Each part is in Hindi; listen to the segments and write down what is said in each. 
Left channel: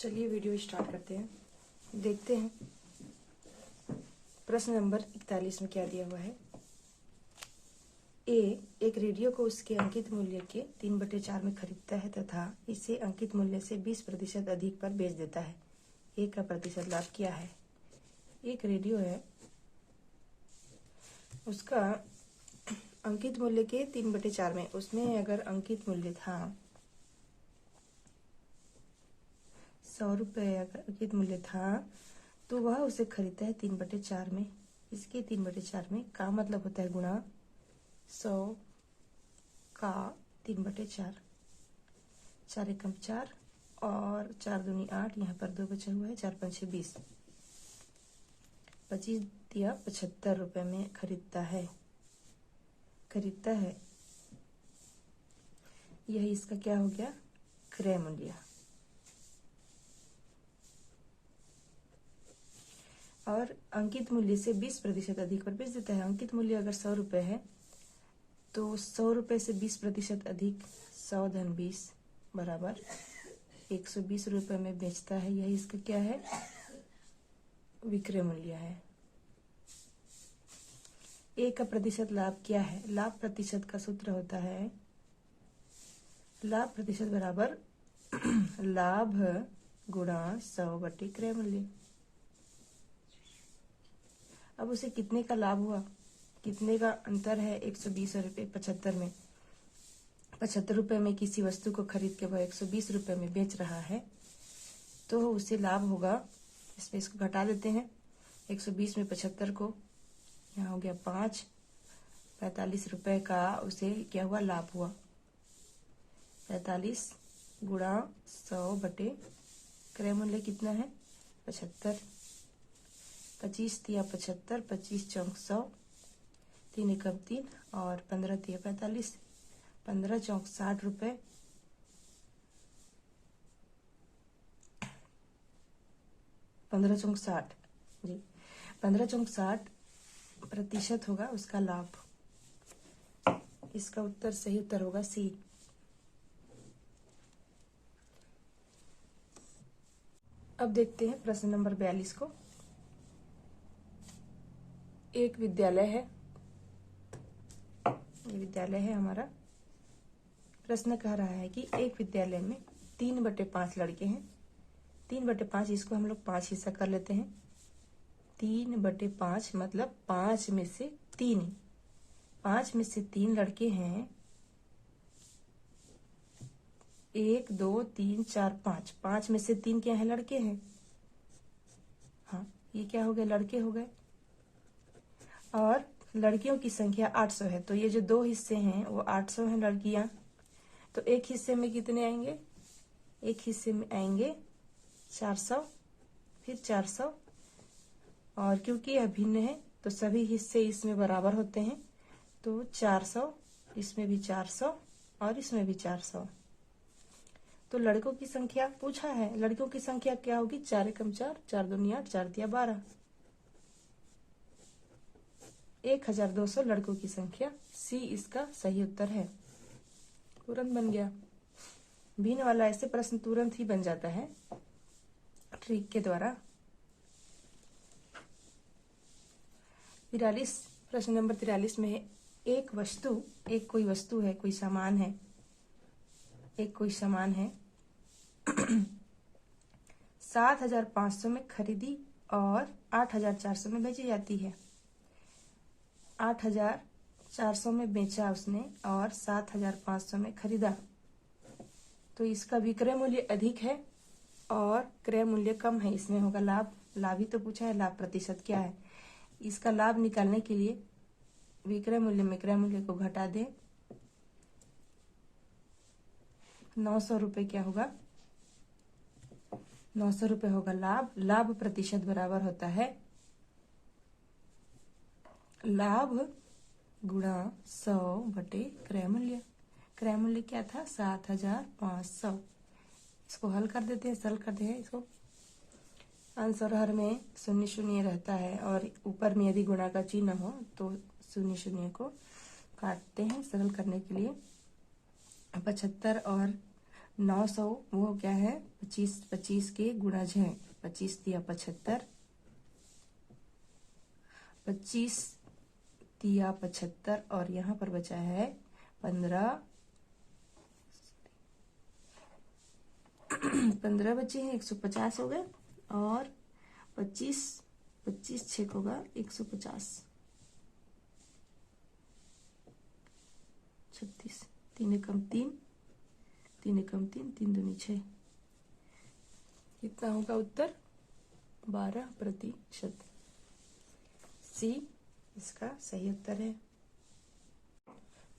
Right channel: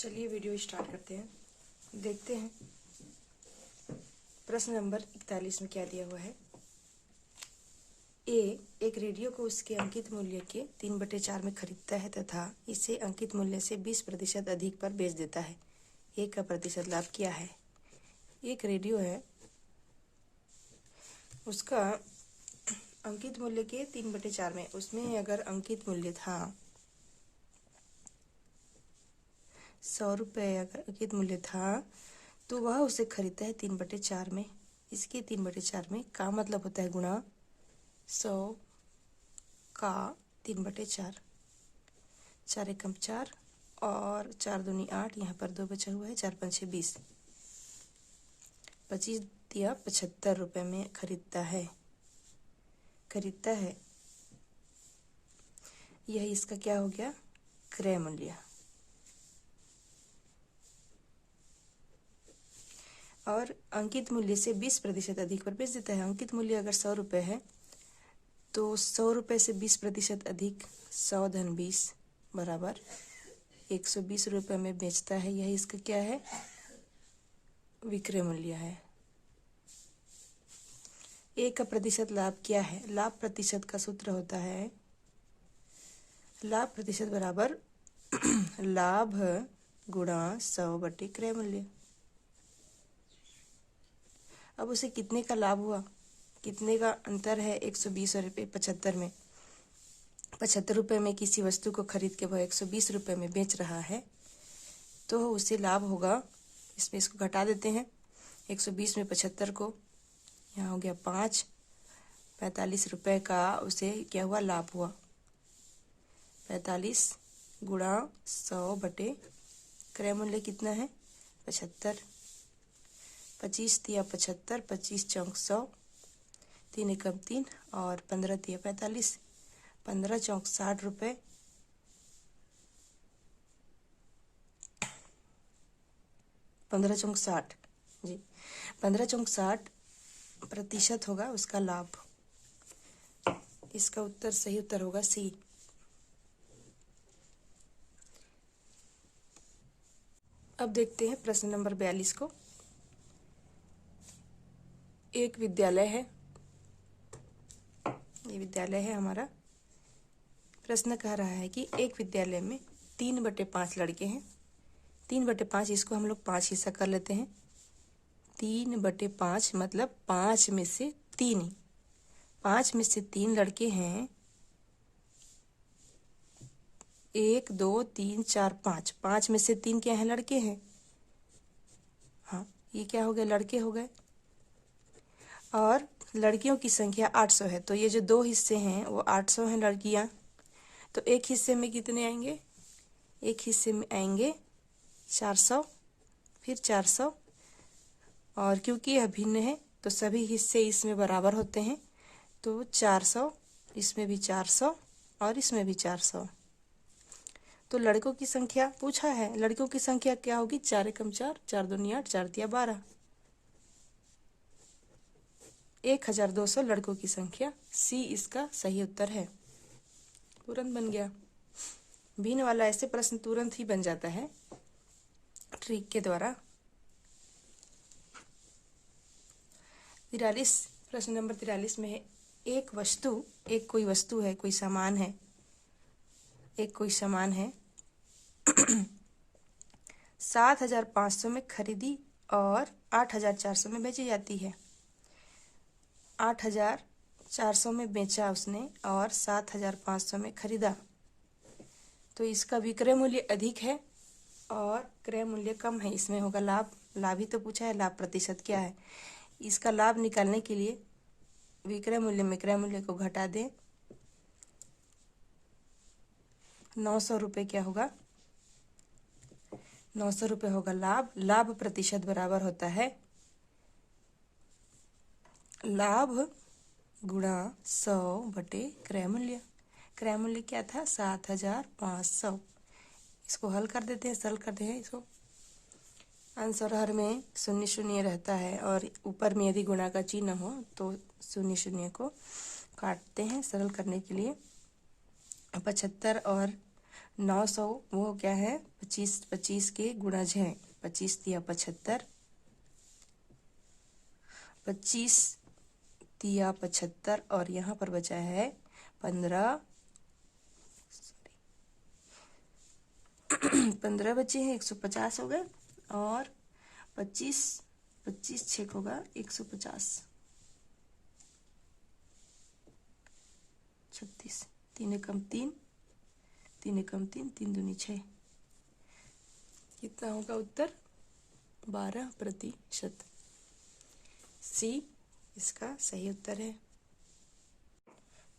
चलिए वीडियो स्टार्ट करते हैं। देखते हैं प्रश्न नंबर 41 में क्या दिया हुआ है। ए एक रेडियो को उसके अंकित मूल्य के 3/4 में खरीदता है तथा इसे अंकित मूल्य से 20% अधिक पर बेच देता है। ए का प्रतिशत लाभ क्या है। एक रेडियो है, उसका अंकित मूल्य के 3/4 में, उसमें अगर अंकित मूल्य था 100 रुपये, अगर अंकित मूल्य था तो वह उसे खरीदता है 3/4 में। इसके 3/4 में का मतलब होता है गुणा 100 का 3/4, 4 एकम 4 और 4 दूनी 8, यहाँ पर 2 बचा हुआ है, 4 पंचे 20, 25 दिया 75 रुपये में खरीदता है। यह इसका क्या हो गया, क्रय मूल्य। और अंकित मूल्य से 20% अधिक पर बेच देता है। अंकित मूल्य अगर 100 रुपये है तो 100 रुपये से 20% अधिक 100 धन 20 बराबर 120 रुपये में बेचता है। यही इसका क्या है, विक्रय मूल्य है। ए का प्रतिशत लाभ क्या है। लाभ प्रतिशत का सूत्र होता है लाभ प्रतिशत बराबर लाभ गुणा 100 क्रय मूल्य। अब उसे कितने का लाभ हुआ, कितने का अंतर है 120 और 75 में। 75 रुपये में किसी वस्तु को खरीद के वह 120 रुपये में बेच रहा है तो उसे लाभ होगा। इसमें इसको घटा देते हैं, 120 में 75 को, यहाँ हो गया 5, 45 रुपये का उसे क्या हुआ, लाभ हुआ। 45 गुणा 100 क्रय मूल्य कितना है 75, 25 दिया 75, 25 चौक 100, 3 एकम 3 और 15 दिया 45, 15 चौक 60 रुपये, 15 चौक 60 जी, 15 चौक 60% होगा उसका लाभ। इसका उत्तर, सही उत्तर होगा सी। अब देखते हैं प्रश्न नंबर 42 को। एक विद्यालय है, ये विद्यालय है हमारा। प्रश्न कह रहा है कि एक विद्यालय में 3/5 लड़के हैं। 3/5, इसको हम लोग 5 हिस्सा कर लेते हैं। 3/5 मतलब 5 में से 3, 5 में से 3 लड़के हैं। 1 2 3 4 5, 5 में से 3 क्या है, लड़के हैं। हाँ, ये क्या हो गए, लड़के हो गए। और लड़कियों की संख्या 800 है, तो ये जो 2 हिस्से हैं वो 800 हैं लड़कियां। तो एक हिस्से में कितने आएंगे, एक हिस्से में आएंगे 400, फिर 400, और क्योंकि यह भिन्न है तो सभी हिस्से इसमें बराबर होते हैं, तो 400, इसमें भी 400 और इसमें भी 400। तो लड़कों की संख्या पूछा है, लड़कों की संख्या क्या होगी, 4 एकम 4, 4 दूनी 8, 4 तिया 12, 1200 लड़कों की संख्या। सी इसका सही उत्तर है। तुरंत बन गया। भिन्न वाला ऐसे प्रश्न तुरंत ही बन जाता है ट्रिक के द्वारा। 43, प्रश्न नंबर 43 में है, एक वस्तु, एक कोई वस्तु है, कोई सामान है, एक कोई सामान है 7,500 में खरीदी और 8,400 में बेची जाती है। 8,400 में बेचा उसने और 7,500 में खरीदा, तो इसका विक्रय मूल्य अधिक है और क्रय मूल्य कम है। इसमें होगा लाभ। लाभ ही तो पूछा है, लाभ प्रतिशत क्या है। इसका लाभ निकालने के लिए विक्रय मूल्य में क्रय मूल्य को घटा दें। 900 रुपये क्या होगा, 900 रुपये होगा लाभ। लाभ प्रतिशत बराबर होता है लाभ गुणा 100 क्रय मूल्य। क्रय मूल्य क्या था, 7,500। इसको हल कर देते हैं, सरल कर देते हैं इसको। आंसर हर में 0 0 रहता है और ऊपर में यदि गुणा का चिन्ह हो तो 0 0 को काटते हैं सरल करने के लिए। 75 और 900 वो क्या है, 25 25 के गुणज है। 25 तिया 75, 25 तिया 75 और यहाँ पर बचा है 15 15 बचे हैं, 150 हो गए। और 25 25 छेक होगा 150, 36, 3 एकम 3, 3 एकम 3, 3 दूनी 6। कितना होगा उत्तर? 12%। सी इसका सही उत्तर है।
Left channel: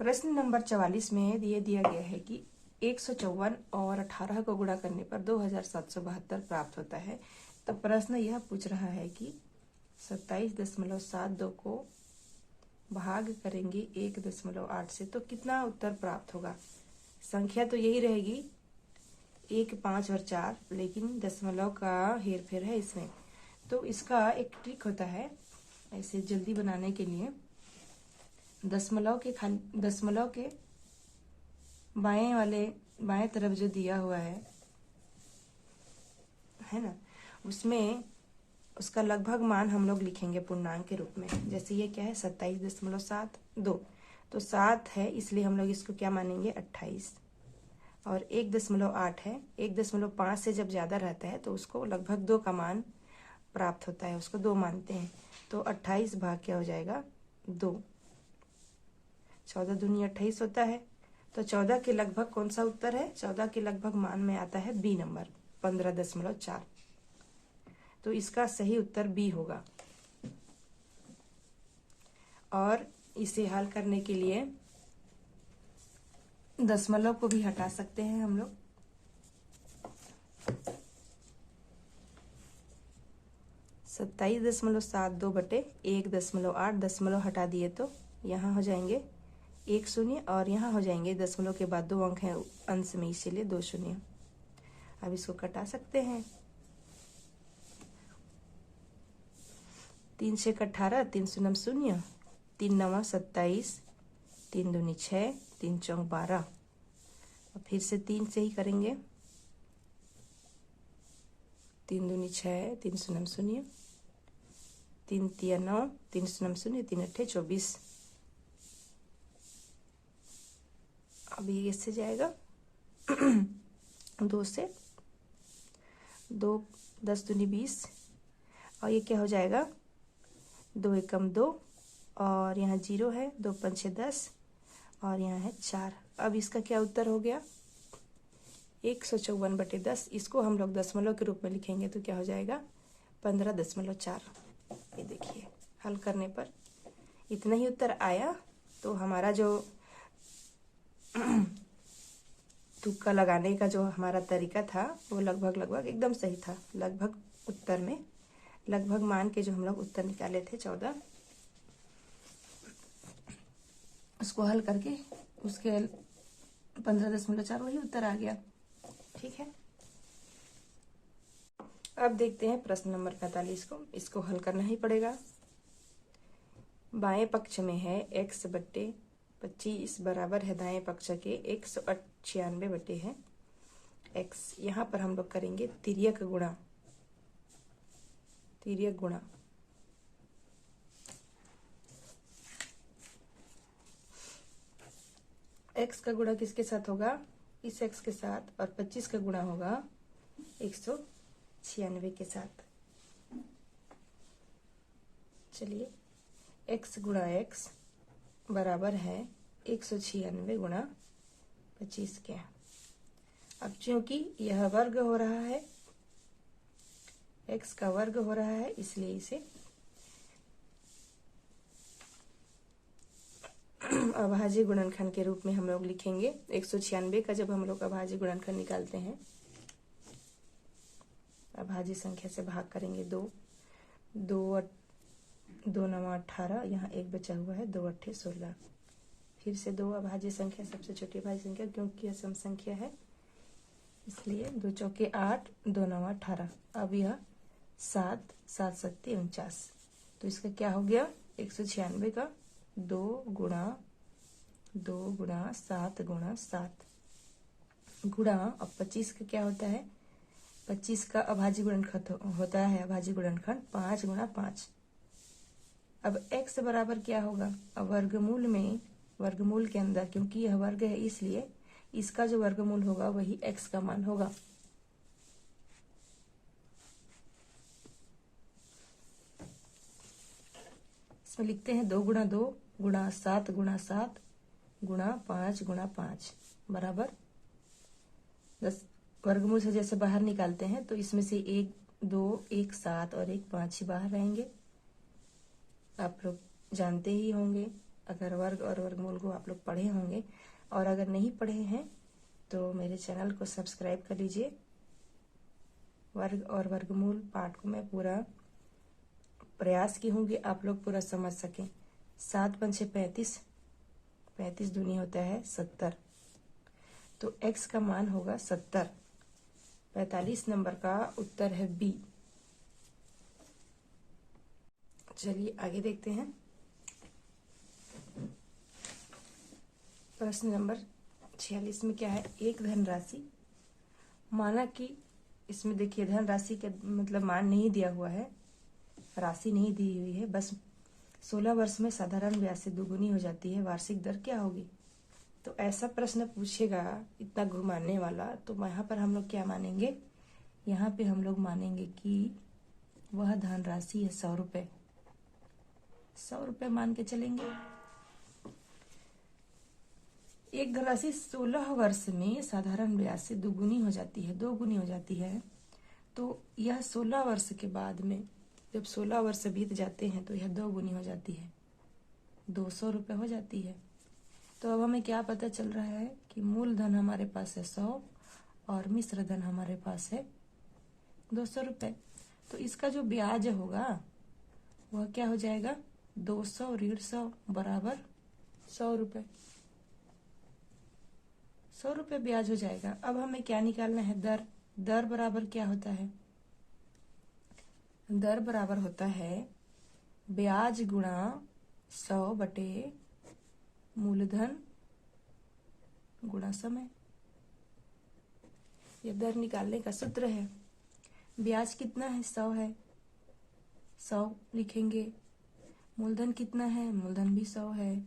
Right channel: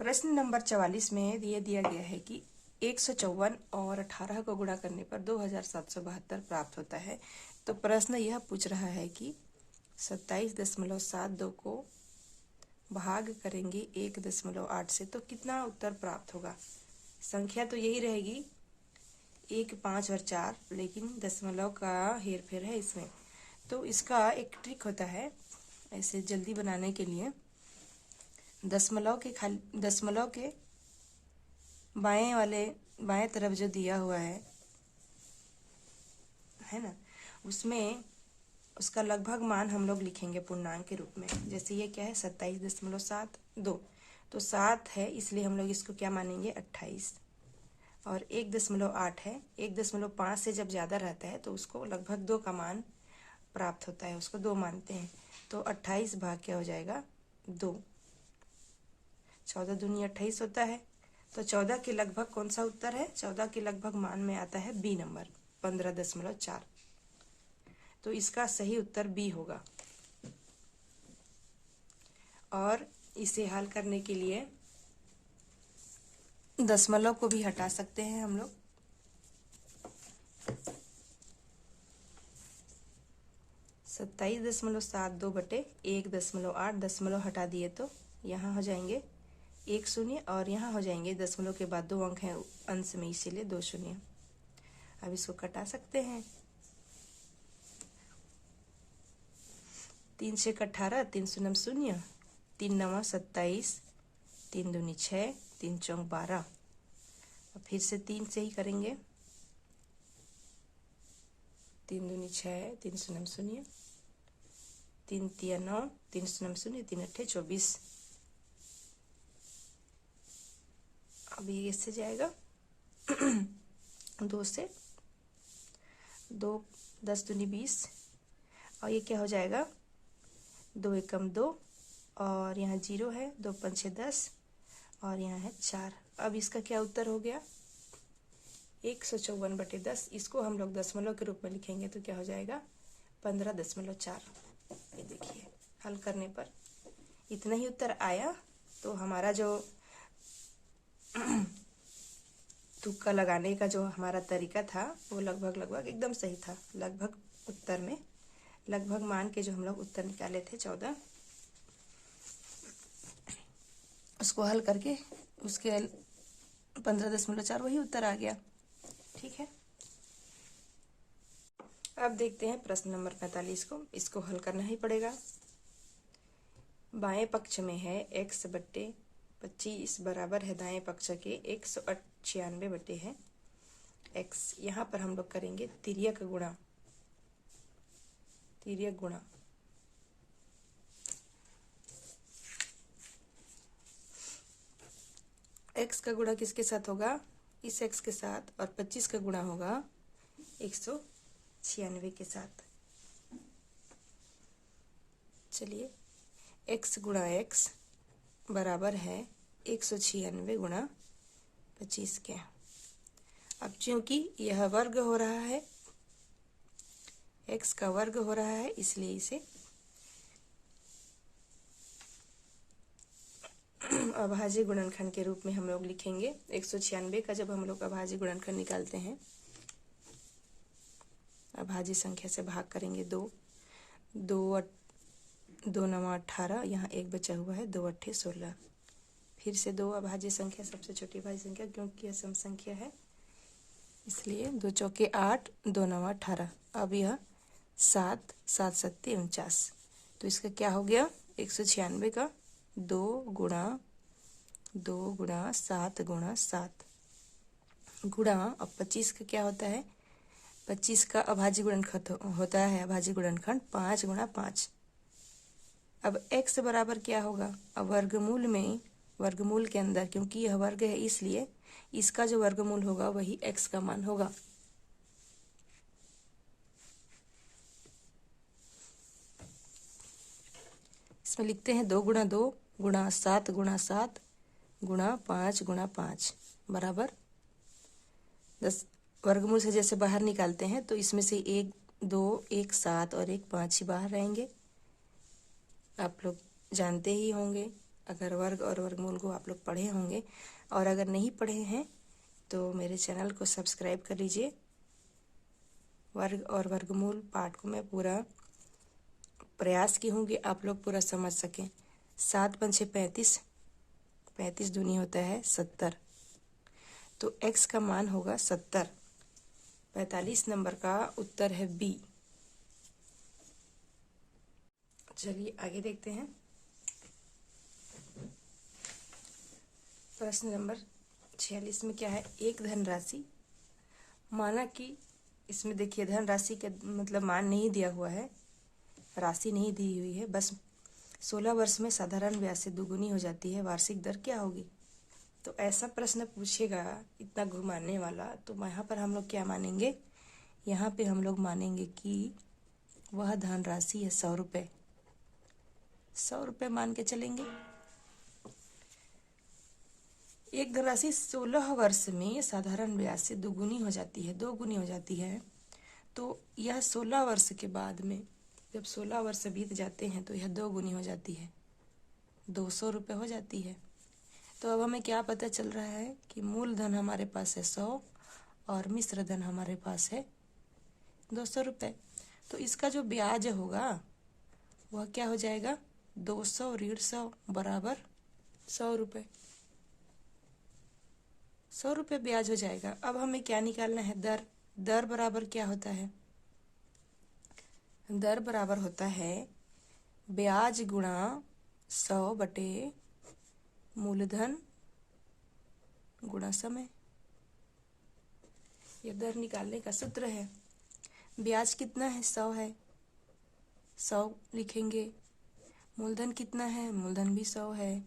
प्रश्न नंबर 44 में ये दिया गया है कि 154 और 18 को गुणा करने पर 2772 प्राप्त होता है। तो प्रश्न यह पूछ रहा है कि 27.72 को भाग करेंगे 1.8 से तो कितना उत्तर प्राप्त होगा। संख्या तो यही रहेगी 1, 5 और 4, लेकिन दशमलव का हेर फेर है इसमें। तो इसका एक ट्रिक होता है ऐसे जल्दी बनाने के लिए। दशमलव के बाएं तरफ जो दिया हुआ है ना, उसमें उसका लगभग मान हम लोग लिखेंगे पूर्णांक के रूप में। जैसे ये क्या है 27.72, तो 7 है इसलिए हम लोग इसको क्या मानेंगे 28। और 1.8 है, 1.5 से जब ज्यादा रहता है तो उसको लगभग 2 का मान प्राप्त होता है, उसको 2 मानते हैं। तो 28 भाग क्या हो जाएगा 2, 14 दूनी 28 होता है। तो 14 के लगभग कौन सा उत्तर है? 14 के लगभग मान में आता है बी नंबर 15.4। तो इसका सही उत्तर बी होगा। और इसे हल करने के लिए दशमलव को भी हटा सकते हैं हम लोग। सत्ताईस 27.72 बटे 1.8, दशमलव हटा दिए तो यहाँ हो जाएंगे 1 शून्य और यहाँ हो जाएंगे दशमलव के बाद 2 अंक हैं अंश में, इसीलिए 2 शून्य। अब इसको कटा सकते हैं। 3 से 18, 3 शून्य 0, 3 9 27, 3 दूनी 6, 3 चौक 12। और फिर से 3 से ही करेंगे। 3 दूनी 6, 3 शून्य 0, 3 तिया 9, 3 शून्य 0, 3 अट्ठे 24। अब ये इससे जाएगा 2 से 2, 10 दूनी 20। और ये क्या हो जाएगा 2 एकम 2 और यहाँ 0 है, 2 पंचे 10 और यहाँ है 4। अब इसका क्या उत्तर हो गया 154 बटे 10। इसको हम लोग दशमलव के रूप में लिखेंगे तो क्या हो जाएगा 15.4। ये देखिए हल करने पर इतना ही उत्तर आया। तो हमारा जो तुक्का लगाने का जो हमारा तरीका था वो लगभग एकदम सही था। लगभग उत्तर में लगभग मान के जो हम लोग उत्तर निकाले थे 14, उसको हल करके उसके 15.4 वही उत्तर आ गया। ठीक है, अब देखते हैं प्रश्न नंबर 45 को। इसको हल करना ही पड़ेगा। बाएं पक्ष में है x बट्टे 25 बराबर है दाएं पक्ष के 196 बटे है x। यहाँ पर हम लोग करेंगे तिर्यक गुणा। x का गुणा किसके साथ होगा? इस x के साथ। और 25 का गुणा होगा 196 के साथ। चलिए x गुणा x बराबर है 196 गुणा 25 के। अब क्योंकि यह वर्ग हो रहा है, x का वर्ग हो रहा है, इसलिए इसे अभाज्य गुणनखंड के रूप में हम लोग लिखेंगे। 196 का जब हम लोग अभाज्य गुणनखंड निकालते हैं, अभाज्य संख्या से भाग करेंगे 2 9 18, यहाँ 1 बचा हुआ है, 2 अट्ठे 16। फिर से 2 अभाज्य संख्या सबसे छोटी अभाज्य संख्या, क्योंकि यह सम संख्या है इसलिए 2 चौके 8, 2 9 18। अब यह 7 7 7 49। तो इसका क्या हो गया 196 का 2 गुणा 7 गुणा 7। गुणा, अब 25 का क्या होता है, 25 का अभाज्य गुणनखंड होता है, अभाज्य गुणनखंड 5 गुणा 5। अब x बराबर क्या होगा, अब वर्गमूल में, वर्गमूल के अंदर, क्योंकि यह वर्ग है इसलिए इसका जो वर्गमूल होगा वही x का मान होगा। इसमें लिखते हैं 2 गुणा 2 गुणा 7 गुणा 7 गुणा 5 गुणा 5 बराबर 10। वर्गमूल से जैसे बाहर निकालते हैं तो इसमें से 1 2 1 7 और 1 5 ही बाहर रहेंगे। आप लोग जानते ही होंगे, अगर वर्ग और वर्गमूल को आप लोग पढ़े होंगे, और अगर नहीं पढ़े हैं तो मेरे चैनल को सब्सक्राइब कर लीजिए। वर्ग और वर्गमूल पाठ को मैं पूरा प्रयास की हूँ कि आप लोग पूरा समझ सकें। 7 पंचे 35, 35 दूनी होता है 70, तो x का मान होगा 70। 45 नंबर का उत्तर है बी। चलिए आगे देखते हैं। प्रश्न नंबर 46 में क्या है, एक धनराशि, माना कि इसमें देखिए धनराशि के मतलब मान नहीं दिया हुआ है, राशि नहीं दी हुई है, बस 16 वर्ष में साधारण ब्याज से दुगुनी हो जाती है, वार्षिक दर क्या होगी। तो ऐसा प्रश्न पूछेगा इतना घुमाने वाला, तो यहाँ पर हम लोग क्या मानेंगे, यहाँ पे हम लोग मानेंगे कि वह धनराशि है 100 रुपये। 100 रुपये मान के चलेंगे। एक धनराशि 16 वर्ष में साधारण ब्याज से दुगुनी हो जाती है, 2 गुनी हो जाती है, तो यह 16 वर्ष के बाद में, जब 16 वर्ष बीत जाते हैं तो यह 2 गुनी हो जाती है, 200 रुपये हो जाती है। तो अब हमें क्या पता चल रहा है कि मूलधन हमारे पास है 100 और मिश्र धन हमारे पास है 200 रुपये। तो इसका जो ब्याज होगा वह क्या हो जाएगा, 200 ऋण 100 बराबर 100 रुपये। 100 रुपये ब्याज हो जाएगा। अब हमें क्या निकालना है, दर। दर बराबर क्या होता है, दर बराबर होता है ब्याज गुणा 100 बटे मूलधन गुणा समय। यह दर निकालने का सूत्र है। ब्याज कितना है, 100 है, 100 लिखेंगे। मूलधन कितना है, मूलधन भी 100 है,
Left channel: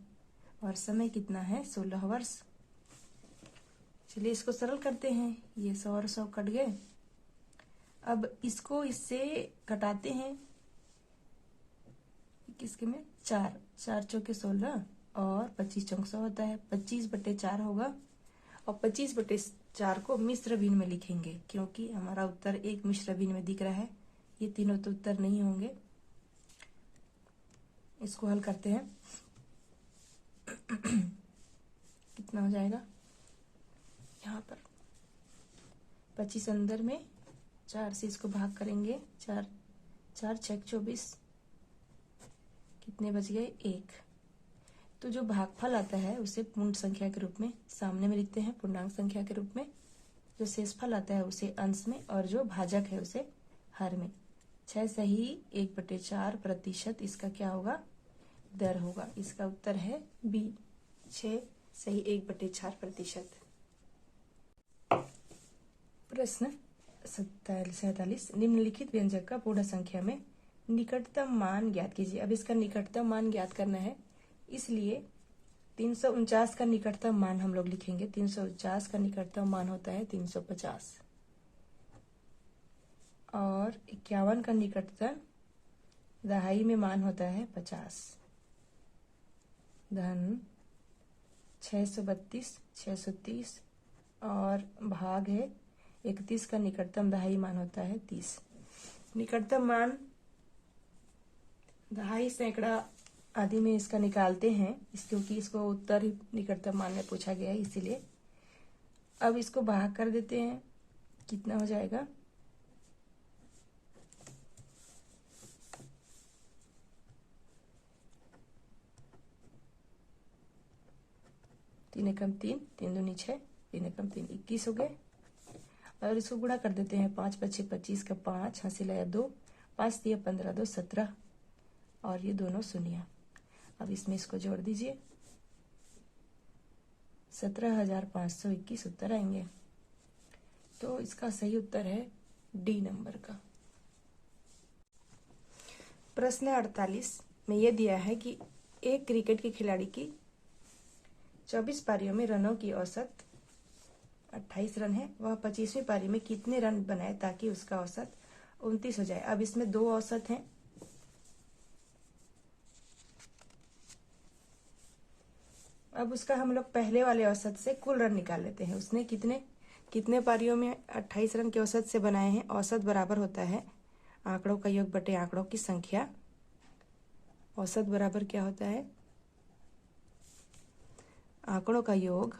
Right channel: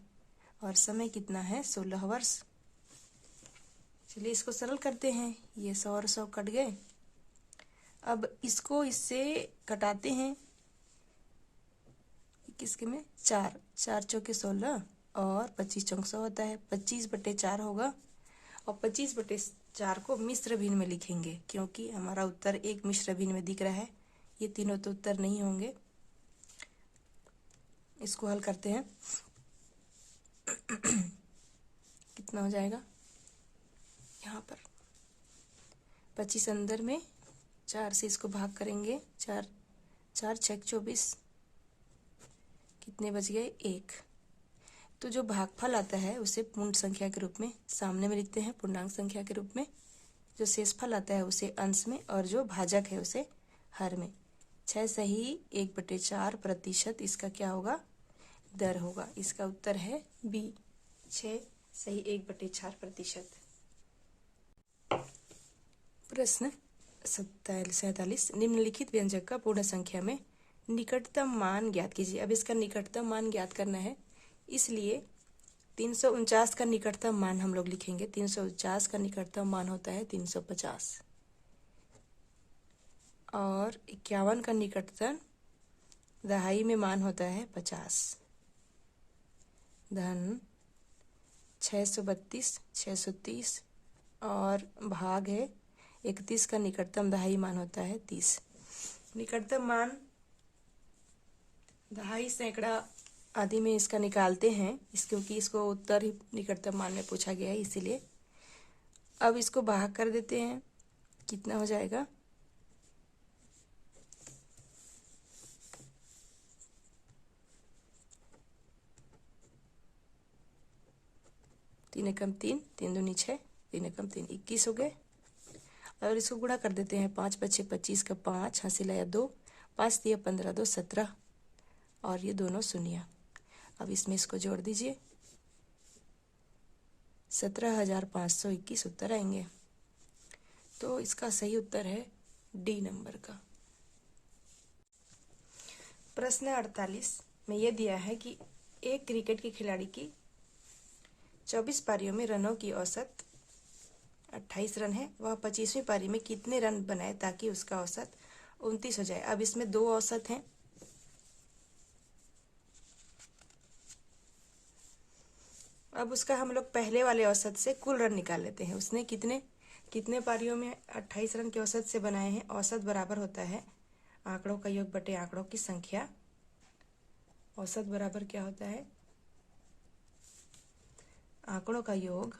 और समय कितना है, 16 वर्ष। चलिए इसको सरल करते हैं, ये 100 और 100 कट गए। अब इसको इससे घटाते हैं, किसके में, 4 4 चौके 16 और 25 चौक 100 होता है, 25 बटे 4 होगा, और 25 बटे 4 को मिश्र भिन्न में लिखेंगे, क्योंकि हमारा उत्तर एक मिश्र भिन्न में दिख रहा है, ये तीनों तो उत्तर नहीं होंगे। इसको हल करते हैं। कितना हो जाएगा, यहाँ पर 25 अंदर में, 4 से इसको भाग करेंगे, 4 4 6 24, कितने बच गए, 1। तो जो भागफल आता है उसे पूर्ण संख्या के रूप में सामने में लिखते हैं, पूर्णांक संख्या के रूप में। जो शेषफल आता है उसे अंश में, और जो भाजक है उसे हर में। 6 सही 1/4% इसका क्या होगा, दर होगा। इसका उत्तर है बी, 6 सही 1/4%। प्रश्न 47 निम्नलिखित व्यंजक का पूर्ण संख्या में निकटतम मान ज्ञात कीजिए। अब इसका निकटतम मान ज्ञात करना है, इसलिए 349 का निकटतम मान हम लोग लिखेंगे। 349 का निकटतम मान होता है 350, और 51 का निकटतम दहाई में मान होता है 50। धन 632 630, और भाग है 31 का निकटतम दहाई मान होता है 30। निकटतम मान दहाई सैकड़ा आदि में इसका निकालते हैं, क्योंकि इसको उत्तर ही निकटतम मान में पूछा गया है, इसीलिए। अब इसको भाग कर देते हैं, कितना हो जाएगा, 3 एकम 3, 3 दूनी 6, 3 एकम 3, 21 हो गए। और इसको गुणा कर देते हैं, 5 5 25 का 5, हासिल आया 2, 5 दिया 15, 2 17, और ये दोनों शून्य। अब इसमें इसको जोड़ दीजिए, 17,521 उत्तर आएंगे। तो इसका सही उत्तर है डी नंबर का। प्रश्न 48 में यह दिया है कि एक क्रिकेट के खिलाड़ी की 24 पारियों में रनों की औसत 28 रन है। वह 25वीं पारी में कितने रन बनाए ताकि उसका औसत 29 हो जाए। अब इसमें दो औसत हैं। अब उसका हम लोग पहले वाले औसत से कुल रन निकाल लेते हैं। उसने कितने पारियों में 28 रन के औसत से बनाए हैं। औसत बराबर होता है आंकड़ों का योग बटे आंकड़ों की संख्या। औसत बराबर क्या होता है? आंकड़ों का योग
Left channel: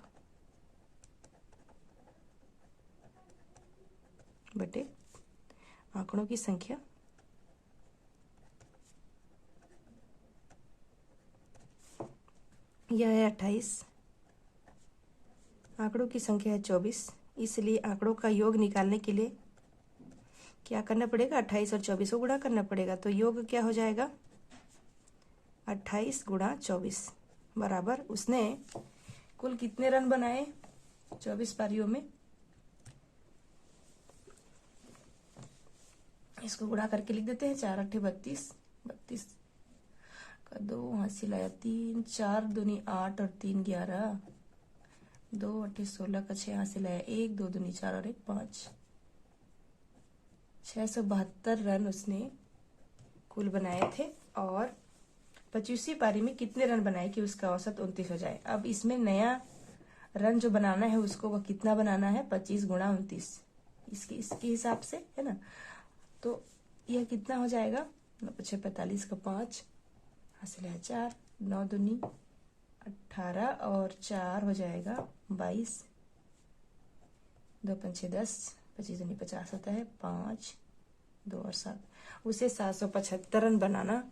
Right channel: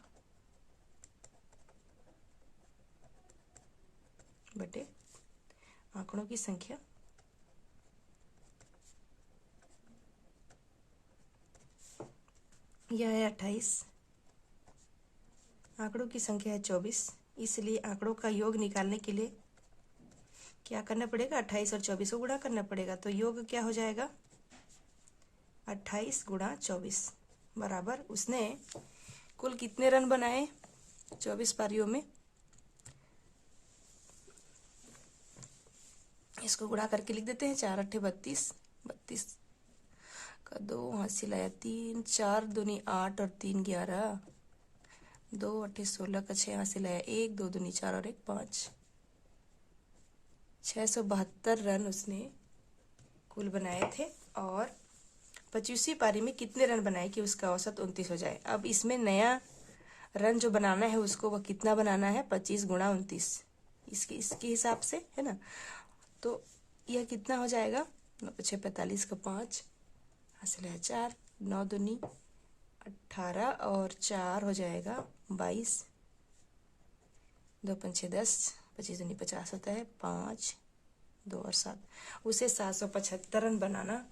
बटे आंकड़ों की संख्या। यह है 28, आंकड़ों की संख्या है 24, इसलिए आंकड़ों का योग निकालने के लिए क्या करना पड़ेगा? 28 और 24 को गुणा करना पड़ेगा। तो योग क्या हो जाएगा? 28 गुणा 24 बराबर उसने कुल कितने रन बनाए 24 पारियों में। इसको गुणा करके लिख देते हैं। 4 8 32, 32 का 2 हासिल आया 3, 4 दूनी 8 और 3 11, 2 8 16 का 6 हासिल आया 1, 2 दूनी 4 और 1 5, 672 रन उसने कुल बनाए थे। और 25वीं पारी में कितने रन बनाए कि उसका औसत 29 हो जाए। अब इसमें नया रन जो बनाना है उसको वह कितना बनाना है? 25 गुणा 29, इसके हिसाब से है ना। तो यह कितना हो जाएगा? 6 45 का 5 हासिल है 4, 9 दूनी 18 और 4 हो जाएगा 22, 2 5 10, 25 दूनी 50 होता है 5, 2 और 7। उसे 775 रन बनाना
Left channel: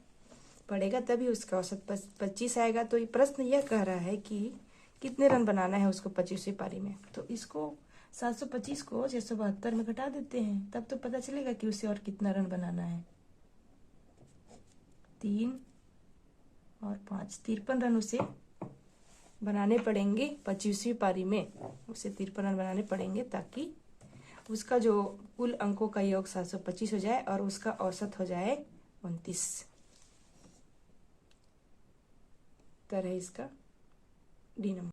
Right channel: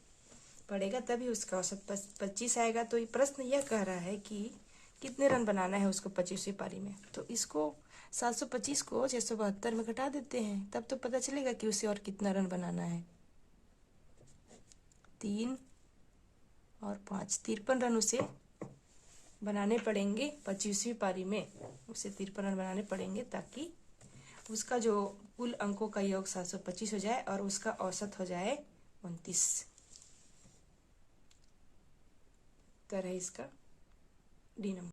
पड़ेगा तभी उसका औसत 25 आएगा। तो ये प्रश्न यह कह रहा है कि कितने रन बनाना है उसको 25वीं पारी में। तो इसको 725 को 672 में घटा देते हैं, तब तो पता चलेगा कि उसे और कितना रन बनाना है। 3 और 5, 53 रन उसे बनाने पड़ेंगे 25वीं पारी में। उसे 53 रन बनाने पड़ेंगे ताकि उसका जो कुल अंकों का योग 725 हो जाए और उसका औसत हो जाए 29। उत्तर है इसका डी नंबर।